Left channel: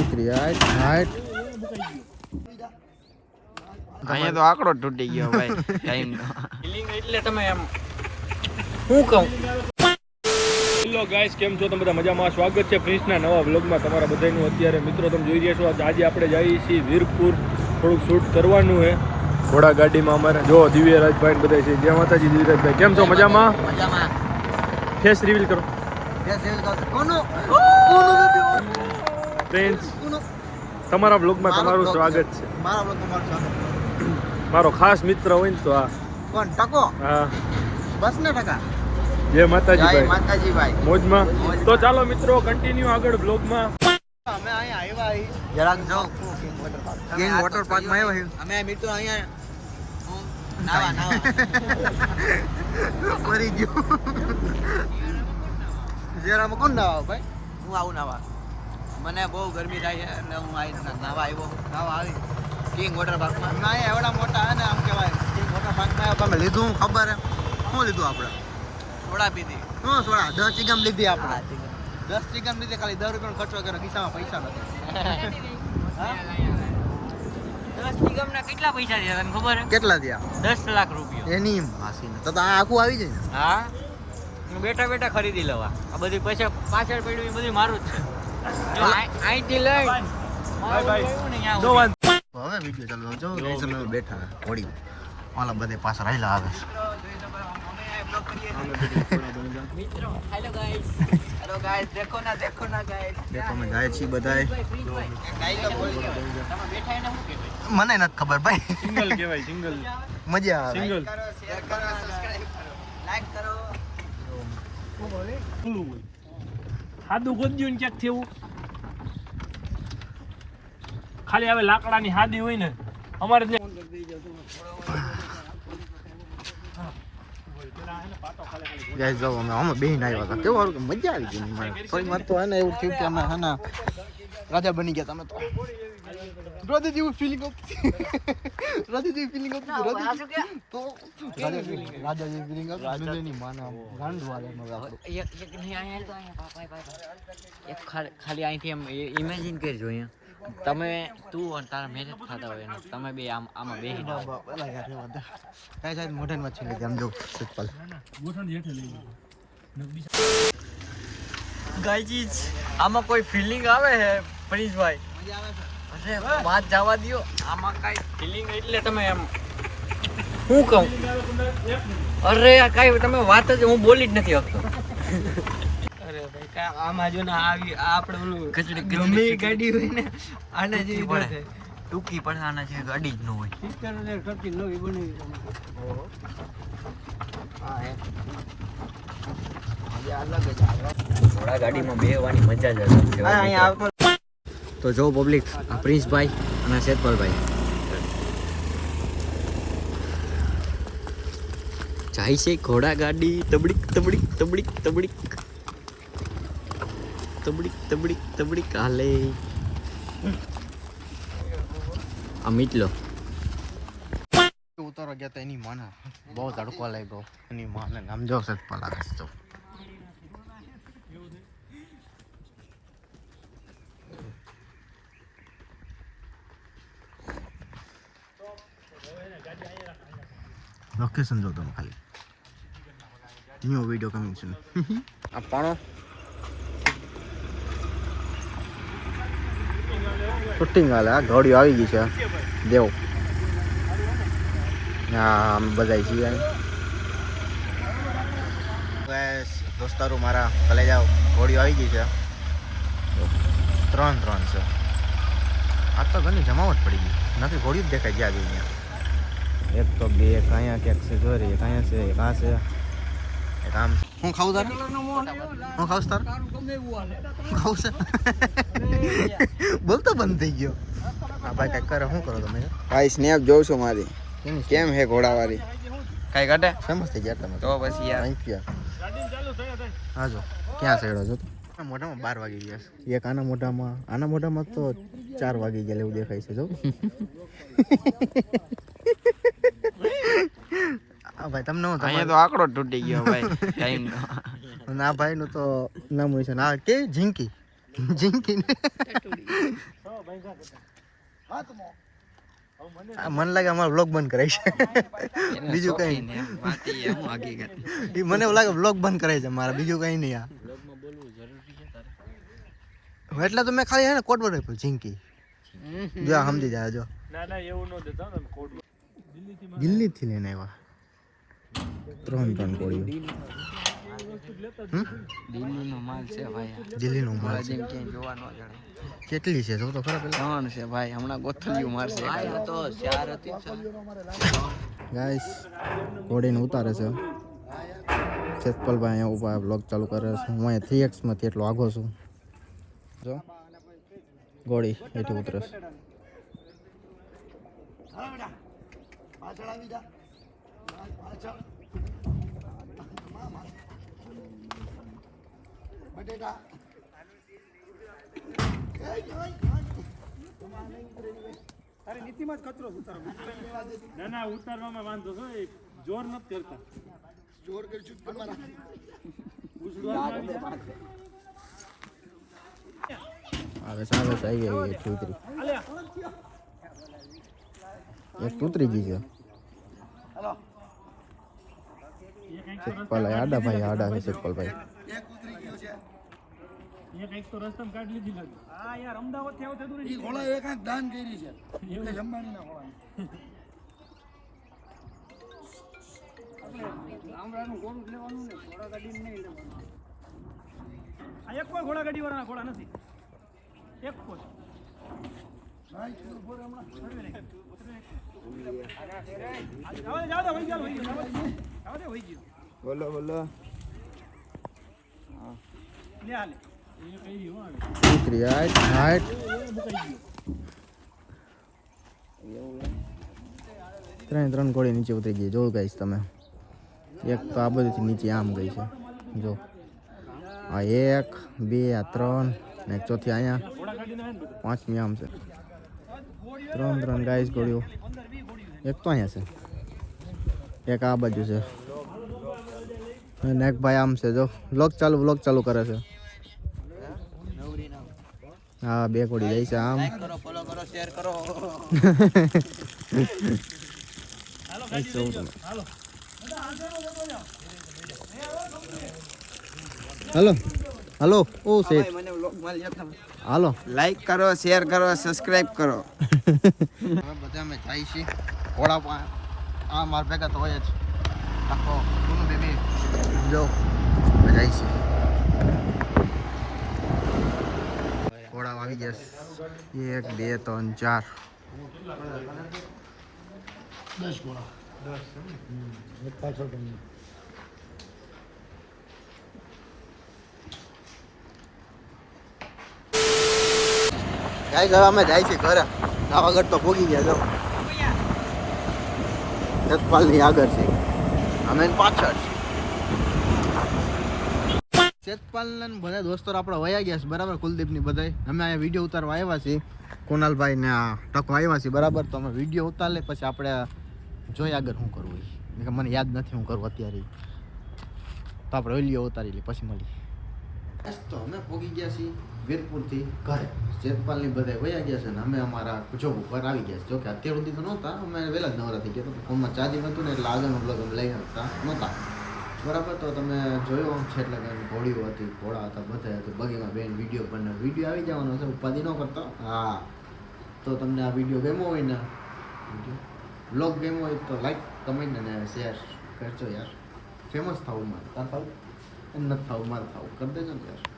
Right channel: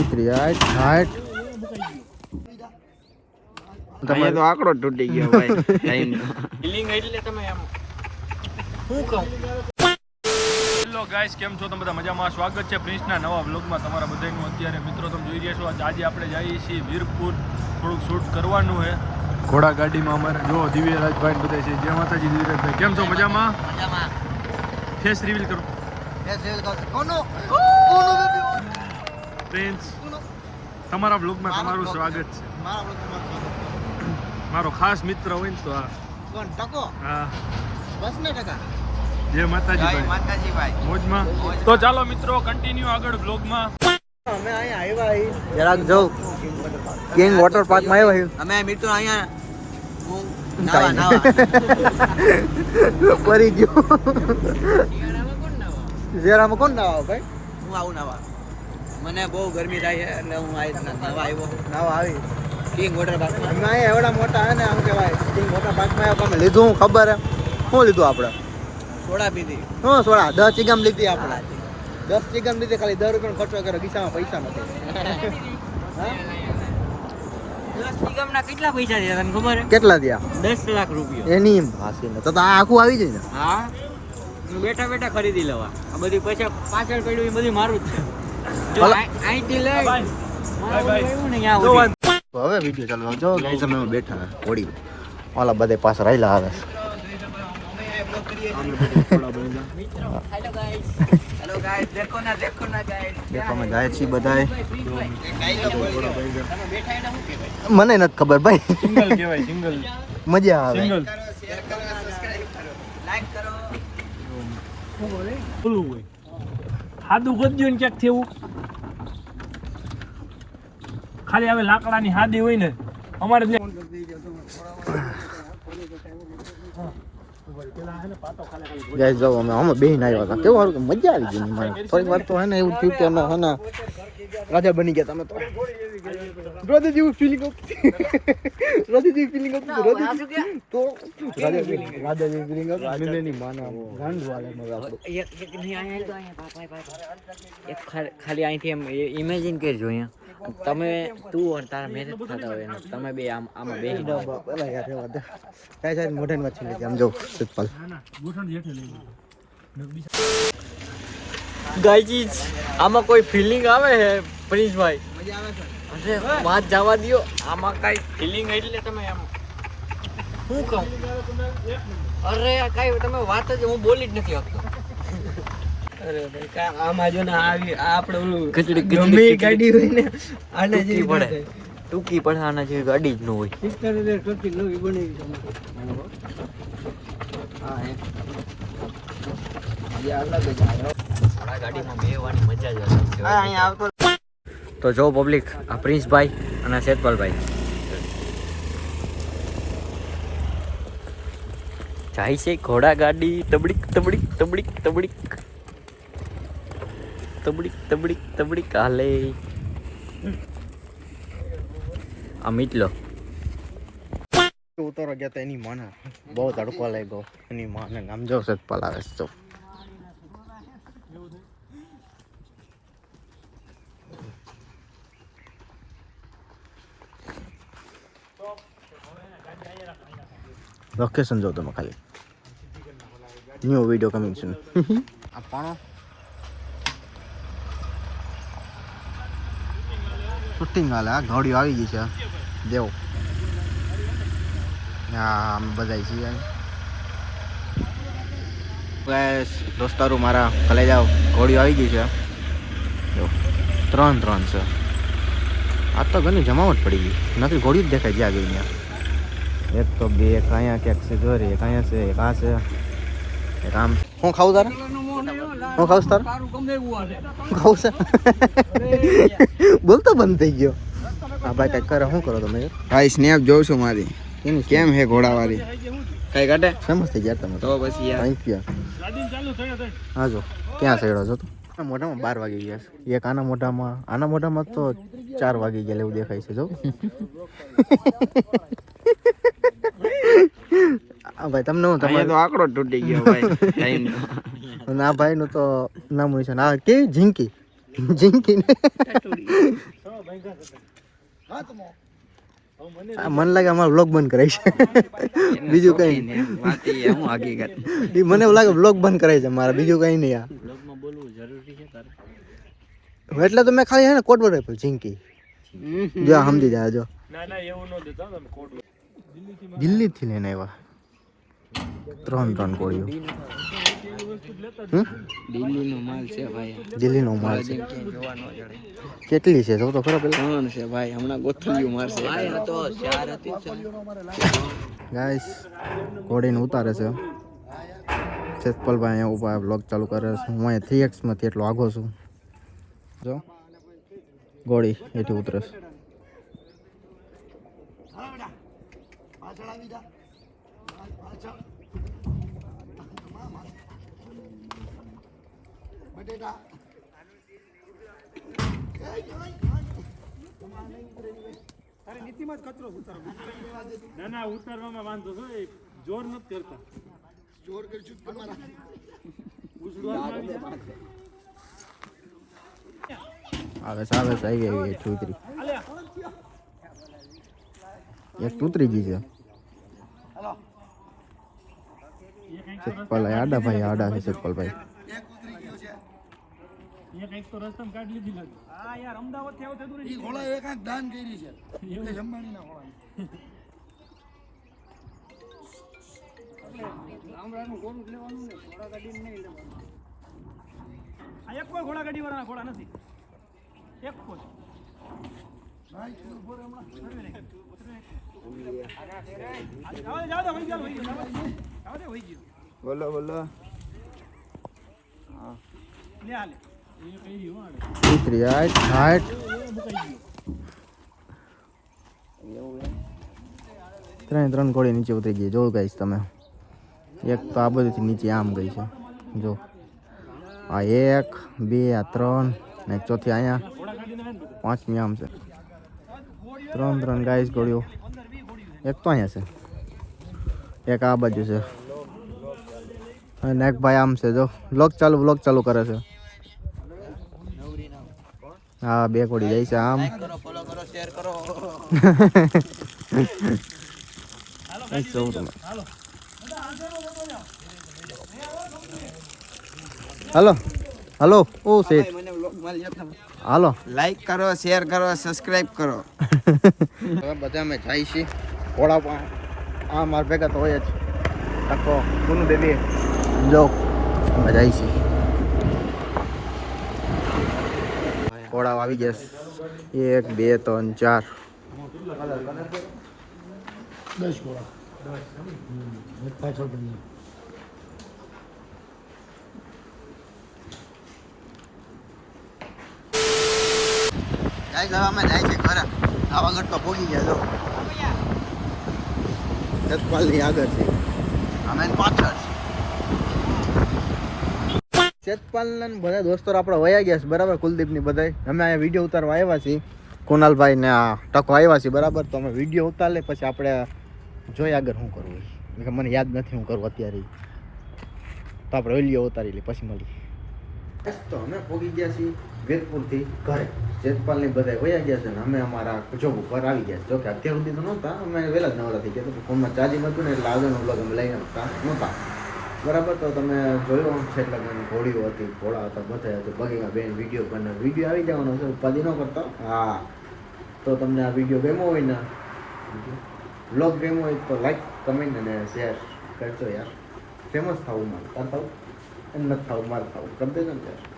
ઉતરી height height. અહીંયા તો આંકડો તૂટી ગયો ભાઈ. ફિલિંગ એટલે તમે એમ હું કહું? હેલો ગાઈસ કેમ છો? તમે બધા મજામાં? સ્વાગત છે પ્રિન્સના નવા વ્લોગમાં તમારા બધાનું. અત્યારે મિત્રો તમે જોઈ રહ્યા છો આજે આપણે જઈએ છીએ વીરપુર. થોડુંક શૂટ કરવાનું છે. ઘોડા ગાડીમાં અમારે જો દિવ્યરાજભાઈ બધા છે. જય માતાજી દિવ્યરાજભાઈ કેમ છો? મજામાં? ફેસ રિવીલ કરો. પ્રિન્સ તમારા બ્લોગમાં તમારું સ્વાગત છે. મારો ખાસ મિત્ર હોય ને તો આ. કોણ? ટકો હા. બસ ને ટકા જય માતાજીભાઈ. જય ભાઈ માતાજી ભાઈ મોજમાં. તો ચાલો મિત્રો કન્ટિન્યુ આગળ બ્લોગમાં અમે અહીંયા આવ્યા જરાક જો. કિંગ વોટર પાર્કમાં આવ્યા અમે મિત્રો અહીંયા નાવા નાવા. પરી ગયો. જરામાં કોણ નાવા? ભાઈ? હું આવું નાવા. મને બહુ ગરમી થાય છે એટલે હું આવી નવા આવ્યો. નાવા આવી? કિંગ વોટર પાર્ક અમે અહીંયા એવડા મોટા હે ને આમ કહેવાય. કિંગ વોટર પાર્કમાં આવ્યા તમે લીધું હું ખબર હે શું લીધું આપણે? સોડા પીધી. શું સોડા? દસ ચીગમ લીધી આપણે. દસ ચીગમ લીધી ખાલી દર રૂપિયાનો ખર્ચો કર્યો. ખિસ્સામાં પૈસા નથી હા? કેટલા પૈસા તને ખબર કેટલા થયા? દસ લાખ રૂપિયા. એની હાસી તો આ આખું આવી જાય ને? હા? હું બેઠા બેઠા ખરીદી લેવા બધી પૈસા પાછળ પડ્યું એ બધું મારું જ છે. હવે વીડિયો ચાલુ જો ગાઈસ અમે બેઠા હોડી ઓલા બધે પાછળ આયલા આવે હેલો ગાઈસ હેલો ગાઈસ દેખો ના દેખો ના ગાઈસ દેખો અમે જાય છીએ બધાય શું મને નથી ખબર ભાઈ. સિંગલ કહેવાય સિંગલ. મજા આવે. સિંગલ. લાઈક કરો પેલું હોય. હાદું ગોદ્યું ને ક્યાંક થયું. ખાલી હવે લાકડાની હાદી હોય ને, અમારે ગાઈસ, જો અમે અમે બેહીને આવ્યા હતા. કેવું સારું મજા આવી ગઈ થોડીક વાર તો હે ને એવું થયું કે અમે હે રાજા બની ગયા તમે તો. રાજા જેવું ફિલિંગ આવતી રાજા જેવી ફિલિંગ આવતી રાજા તો રાજા રાજા જેવી ફિલિંગ આવતી મિલેની માના ગાંડું આવે મગા એક એક નહીં અહીંયા તો પાપ પાપ પાપ એક ખાલી ખાલી અહીંથી એમ ઇમેજિન કરજો અહીંયા તમે તું અને તારા મહેનત થતા હોય ને તમે બે આમ આમાં બે બાબા પેલા યાર રેવા દે કાંઈ સાહેબ મોઢાની વાત છે આમ જો સતપાલ ગોઠણ જેઠે લઈ ગાઈજીસ આમાં કોઈ ફિલિંગ આવે છે પ્રિન્સભાઈ મજા આવે છે અરે વાત જવા દ્યો. આમાં કાંઈ ફિલિંગ એટલે તમે એમ હું કહું? અરે આ કાંઈ તમે વાત જ હું બોલી જ નથી શકતો. આમાં જો ને આવી આ આપણે ઓલું ગમે ગાડી હોય ને આને જેવી પડે. ટૂંકી પડે આના જેવી ગાડી જ ન હોય. હજાર નવી બની થોડા ગાડીમાં બેહવાની મજા જ આવતો તો જો પબ્લિક આ પ્રિન્સભાઈ અને શેતપાલભાઈ. જાય છે ઘોડા ગાડી, તબડીક તબડીક તબડીક તબડીક. તબડીક તબડીક તબડીક, હાલે. આ મીટલો. ઉતારો ગયા તા એની માને. બહુ તડકો લાગ્યો એની માને. આમ જો સતપાલ આવે છે લોકેશન જો તમે ખાલી ન્યૂ વીડિયો કમિંગ છે આ પાણો શૂટિંગ હાલે આ ઘોડીઓ આવી ગઈ છે દેવ હા અમે બધા છીએ દોસ્તારું દોસ્તારો મારા ભલે જાઓ ઘોડીઓ આવી ગઈ છે ત્રણ ત્રણ છે આ તો ઘણી જમાવટ પડી ગઈ નથી ઘોડી જ દેખાય જ્યાં ગઈ ત્યાં એક તો બે એક અહીંયા ક્યાંક છે ઘર એક અહીંયા છે એક આ છે. એક આમ હું ખાવું તારે? હું ખાઉં તારે? હું ખાવું છે? બોલતો બંધ થઈ ગયો. આ ભાઈ કંઈક કરે શું કરો તમે? ભાઈ સ્નેપ જોઉં છું મારી. એનું કેમ હે ઘોડાવાળી? કઈ કાઢે? સમજ થઈ ગયા તમે? તો પછી થેન્ક યુ હા જો. ક્યાં સડ્યો છો તું? મોઢામાં બાર વાગી ગયા છે. એક આના મોઢામાં આના મોઢામાં તો ચાર વાગી ગયા એવું દેખાય છે જો. આ ભાઈ તમને હું તમારે તો આંકડો તૂટી ગયો ભાઈ ના અને નું ભાઈનું તો નામ હોય છે ને આ કેવી ઝીંકી? જિંકી ને? આ મને લાગે અમારો બ્લોગ બંધ કરાય છે. બીજું કઈ નહીં. વાત હકીકત મને એવું લાગે બ્લોગ બંધ કરાય છે મારા બીજું કઈ નહીં આ. બ્લોગમાં બોલવું જરૂરી છે તારે? એટલે તો મેં ખાલી હે ને કોડ પર જિંકી જો આ સમજી જાય જો. ના ના એવું ન દેતા કોડ દિલ્હી થી લઈને આવ્યા. ત્રણ ત્રણ કોળીઓ હમ? દિલ્હીનો માલ છે ભાઈ. દિલ્હીનો માલ છે. કેટલી છે? જો તો ખરા પેલા? ત્રણ છે ભાઈ. હમણાં ગોથલિયું મારશે. ભાઈ આ તો ચાર હતી ગાઈસ ઘોડીને ઉતારે છે. સેતપલભાઈ અહીંયા ઊભા બ્લોગ ચાલુ કરે છે. હું અહીંયા થ્રી એક્સમાંથી એટલો આગો છું. જો ઘોડી એથી ઉતરે છે. ના ના ઉતારવામાં વાંધો છો. જોર નથી કરતા. આવે છે. આવે છે આવી ગઈ એથી ઉતરી એક ઉતરી ગઈ છે. સેતપલ આડા ભાઈ આડા છે સેતપલભાઈ એ કંઈક તો રસ્તામાં કાઢી લીધી લાગે. હા યાર અમદાવાદથી આવતા દૂર ઘોડા એક આંખ દાન કરી છે. મુકેશ અંબાણીના ઘોડા આ એક કોઈ ઘોડા ગાડી વાળાના ઘોડા નથી. એક કોઈ. જાવ જાવ દે વહી ગયો વહી ગયો. બોલો બોલો. ત્રણ ત્રણ ઘોડી નીચે ઉતરી ગઈ. જો ગાઈશ તમે. એક તો આ બધીથી નીચે આમ ગઈ છે. જો. આ એક, બે, આ ત્રણ, ને ચોથી અહીંયા. બધું પાંચમી આમ છે. ત્રણ ત્રણ ગાઈસ ઘોડીઓ. એક તો અહીંયા છે. એક આ બાજુ છે. અને ભાઈ આમ છે જો. બ્લોગ ચાલુ બ્લોગ ચાલુ કરે છે. હા બે કોડી જાય છે આમ. હાલો. હાલો. ઓ શેઠ. વ્લોગ હાલો. લાઈક કરો શેર કરો સબસ્ક્રાઇબ કરો. બધા અમે જાય છીએ. ઘોડા આ માર ભેગા તો હોય જ. તકો કોનું બેબી. લો મજા જાય કોળાવ આવી ગયા એક બે ત્રણ ચાર. દસ ગાય હવે અમે જાય છે ઘરે. આગળ તો ભોગી ગયા છો સતપાલની આગળ છે. અમે પાછળ છે સતપાલ બધા દોસ્તો આપણે વયા ગયા છે, બરાબર? કુલદીપની બધા અમે અહીંયા વીડિયો ઉતારવા આવ્યા છીએ. કુનાલભાઈ ને ટકો આવ્યા છીએ, બરાબર? તો અમે વીડિયો ઉતારે પછી આપણે જોઈએ આગળ શું કરવું મને યાદ નથી હું કરવું અત્યારે. તો આપણે વીડિયો ઉતારી લઈએ, પછી મળી બસ તો અમે પહોંચી ગયા છીએ વીરપુરથી ઘરે. જેતપાલની બધા વયા ગયા છે ને અમે અમારા જોબ ઉપર આવી ગયા છે. જોકે અત્યાર સુધી તો નહોતા, અમે વહેલા જ નવરા ગયા તો ફોનમાં ચાર્જિંગ હતું ને એટલે આગળનો બ્લોગ અમે લઈને આવતા નહોતા. બરાબર, તો તમે જોયો છે એટલે કે ઘોડીઓ હતી, ઘોડા હતા, બધા હતું બગીમાં બેન, વીડિયો બને વીડિયો આવી જવાનો છે, ઉપાધિ ન કરતા? હા. તો તમને આ વીડિયો ગમ્યો હોય ને બ્લોગ ગમ્યો હોય તો લાઈક કમેન્ટ અને શેર કરજો યાર. ફેમસ થવું મારે તાર થવું? નથી થવું, મારે થવું. કરી દેજો ને યાર.